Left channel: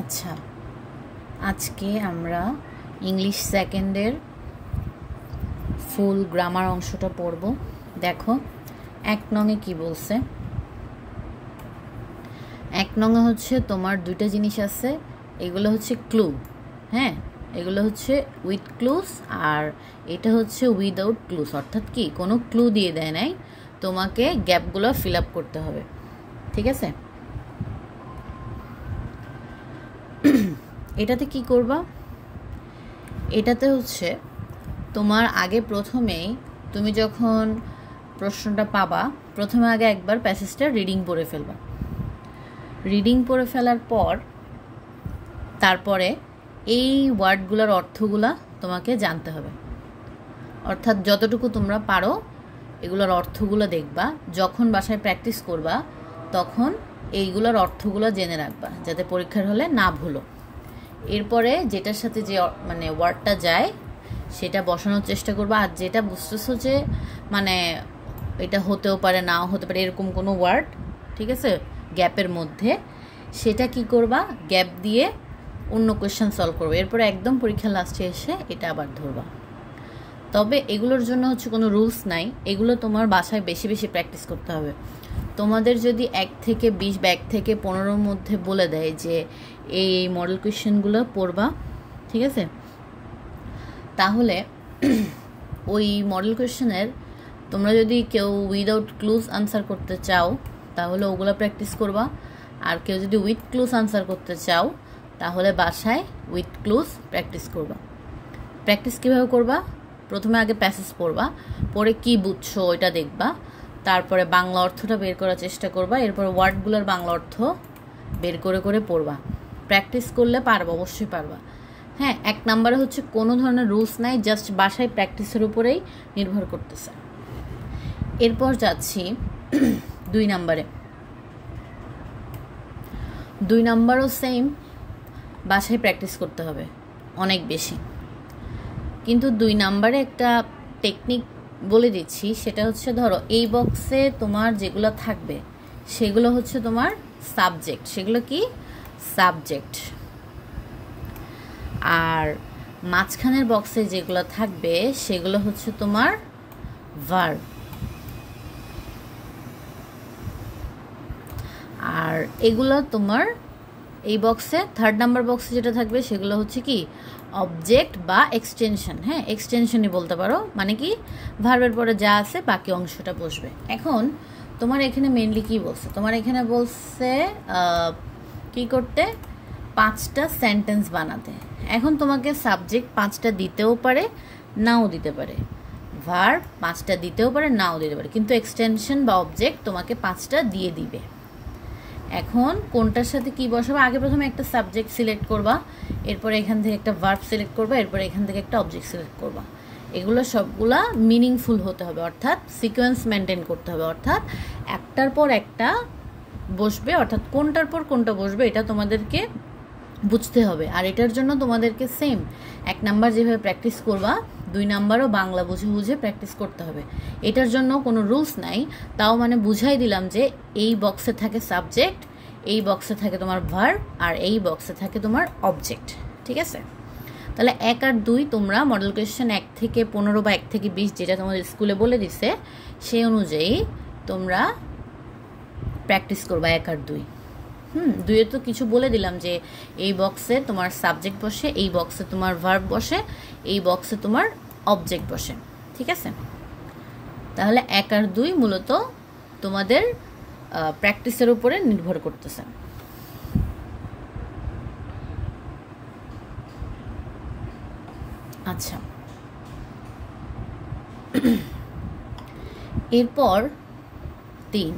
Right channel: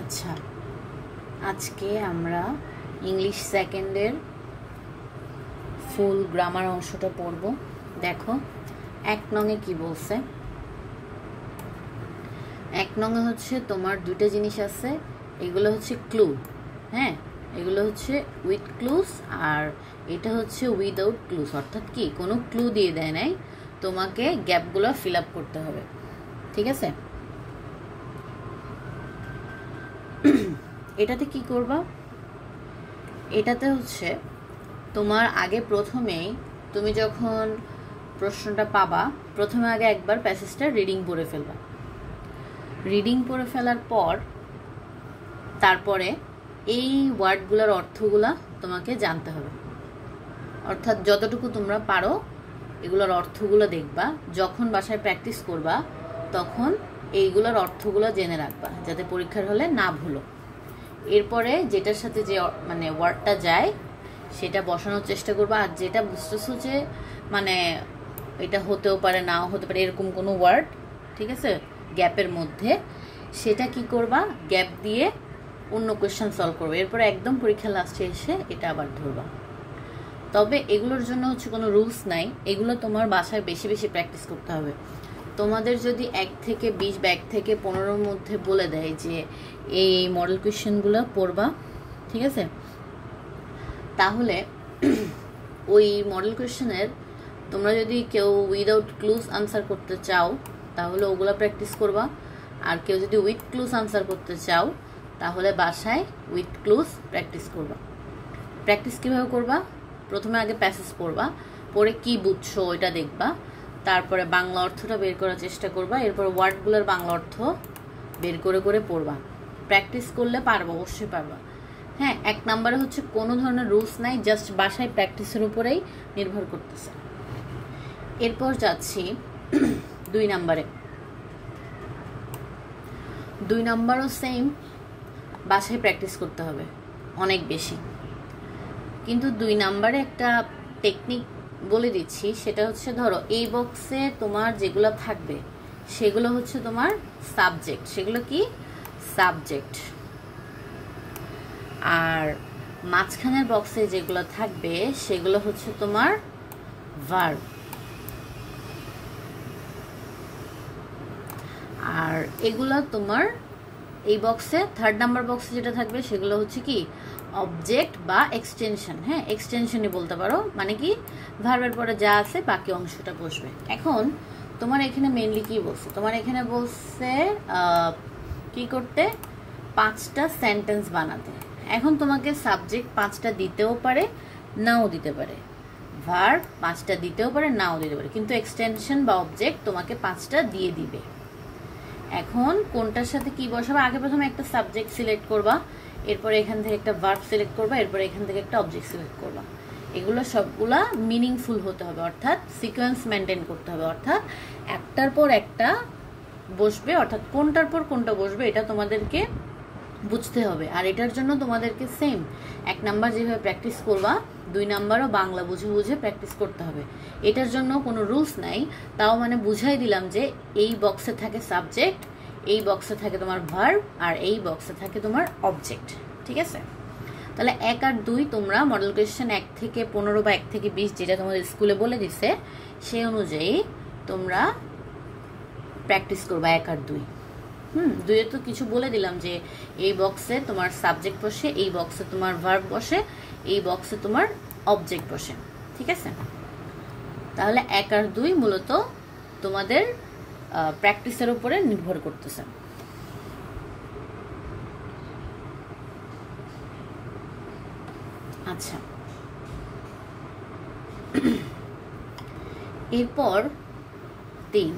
আচ্ছা, আজকে আমরা ইংলিশ সেকেন্ডের ফুল গ্রামার অংশটা পড়ব। দেখো 1 নঙে কি বলছে। 1 নঙে হচ্ছে তোমার দুইটা জিনিস আছে, এগুলো হচ্ছে ক্লু। হ্যাঁ, এগুলো হচ্ছে উইথ ক্লুজ আর এটা হচ্ছে উইদাউট ক্লুজ, অর্থাৎ কি কোনো ক্লু দিয়ে দেয় নাই, তোমাকে গ্যাপগুলো ফিল আপ করতে হবে। ঠিক আছে, এটাতে কি করবা, এটাতে হচ্ছে তোমার আগে প্রথমেই তুমি যখন প্রশ্নটা পাবা, প্রথমে আগে একবার প্যাসেজটা রিডিং পড়ে ফেলবা। রিডিং পড়ে ফেলার পর তারপরে এই ওয়ার্ডগুলোর অর্থগুলা তোমাকে জানতে হবে, অর্থাৎ যতটুকু তোমরা পারো এগুলোর অর্থগুলো দেখবা। যখন বাসায় প্র্যাকটিস করবা তখন এইগুলোর অর্থগুলো জেনে রাখবা, যাতে পরীক্ষার হলে না ভুলো। এরপরে যেটার সাথে যে মানে ওয়ার্ডটা যায় সেটা বসানোর চেষ্টা করবা। আর যেটা বুঝতেছো যে মানে এটা হতেও পারে নাও হতে পারে এরকম কোনো ওয়ার্ড, ঠিক আছে, গ্যাপের মধ্যে, সেটা কি করবা, গ্যাপ দিয়ে অন্য কোয়েশ্চেন সলভ করবে। এরপরে একদম পরীক্ষার লাস্টে এসে এটা আবার ধরবা। তবে এগুলোর জন্য হচ্ছে কোনো রুলস নাই, এগুলো তোমার বাসায় বেশি বেশি প্র্যাকটিস করতে হবে। তোমাদের যদি 1 থেকে 20 বা 1 থেকে 15-র মধ্যে বলে দেয় যে এই মডেল কোয়েশ্চেনগুলো পড়বা, ঠিক আছে, তাহলে ওই মডেল কোয়েশ্চেনের তোমরা যদি কেউ উইদাউট ক্লুজ আনসার করতে চাও তাহলে ওগুলো প্র্যাকটিস করবা। আর কেউ যদি উইথ ক্লুজ আনসার করতে চাও তাহলে বাসায় উইথ ক্লুজ প্র্যাকটিস করবা। প্র্যাকটিস কীভাবে করবা, প্রথমে আগে প্যাসেজ পড়বা, পরে কি বুঝছো ওইটা দেখবা, তারপরে বাংলা অর্থটা বের করার চেষ্টা করবা, এরপর ওয়ার্ডগুলোর বাংলা অর্থ বের করে করে পড়বা। প্র্যাকটিস করলে পারবা, অবশ্যই পারবা। হ্যাঁ, 1 নম্বরে হচ্ছে কোনো ধরনের রুলস নাই, জাস্ট বাসায় প্র্যাকটিসের উপরেই নির্ভর করতেছে। এরপর যাচ্ছি 2 নম্বরে। 2 নম্বরও সেম, বাসায় প্র্যাকটিস করতে হবে অনেক বেশি। কিন্তু 2 নম্বরে একটা টেকনিক বলে দিচ্ছি, সেটা হচ্ছে ধরো এই বক্সে তোমার যেগুলো থাকবে সেগুলো হচ্ছে তোমার সাবজেক্ট, সেগুলো কি সাবজেক্ট। আর মাঝখানের বক্সে যেগুলো থাকবে সেগুলো হচ্ছে তোমার ভার্ব। আর এগুলো তোমার এই বক্সে 3rd নাম্বার বক্সে যেটা থাকবে সেগুলো হচ্ছে কি অবজেক্ট বা এক্সটেনশন। হ্যাঁ, এক্সটেনশনই বলতে পারো, মানে কি ভার্বের পরে যা আছে বাকি অংশটা বসবে। এখন তোমার এখানে মেনলি কি বলছে, তোমার এখানে বলছে কি করতে, 5টা সেন্টেন্স বানাতে। এখন তোমাকে সাবজেক্ট 5টা দিতেও পারে নাও দিতে পারে, ভার্ব 5টা দিতেও পারে নাও দিতে পারে, কিন্তু এক্সটেনশন বা অবজেক্ট তোমাকে 5টা দিয়ে দিবে। এখন কোনটার সাথে কি বসাবে, আগে প্রথমে একটা সাবজেক্ট সিলেক্ট করবা, এরপরে এখান থেকে একটা ভার্ব সিলেক্ট করবা, এরপরে এখান থেকে একটা অবজেক্ট সিলেক্ট করবা। এগুলো সবগুলা মিনিংফুল হতে হবে, অর্থাৎ সিকোয়েন্স মেনটেন করতে হবে, অর্থাৎ একটার পর একটা বসবে, অর্থাৎ কোনটার পর কোনটা বসবে এটা তোমাদেরকে বুঝতে হবে। আর এটার জন্য তোমাদেরকে সেম 1 নাম্বার যেভাবে প্র্যাকটিস করবা 2 নাম্বারও বাংলা বুঝে বুঝে প্র্যাকটিস করতে হবে। এটার জন্য কোনো রুলস নাই, তাও মানে বুঝাই দিলাম যে এই বক্সে থাকে সাবজেক্ট, এই বক্সে থাকে তোমার ভার্ব, আর এই বক্সে থাকে তোমার অবজেক্ট। ঠিক আছে, তাহলে 1 আর 2 তোমরা মডেল কোয়েশ্চেন 1 থেকে 15 বা 1 থেকে 20 যেটা তোমাদের স্কুলে বলে দিছে সেই অনুযায়ী তোমরা প্র্যাকটিস করবা 1 আর 2। 2-এ তো কিছু বলে দিলাম যে এই বক্সে তোমার সাবজেক্ট বসে, এই বক্সে তোমার ভার্ব বসে, এই বক্সে তোমার অবজেক্ট বসে। ঠিক আছে, তাহলে 1 আর 2 মূলত তোমাদের প্র্যাকটিসের উপরে নির্ভর করতেছে। আচ্ছা, এরপর 3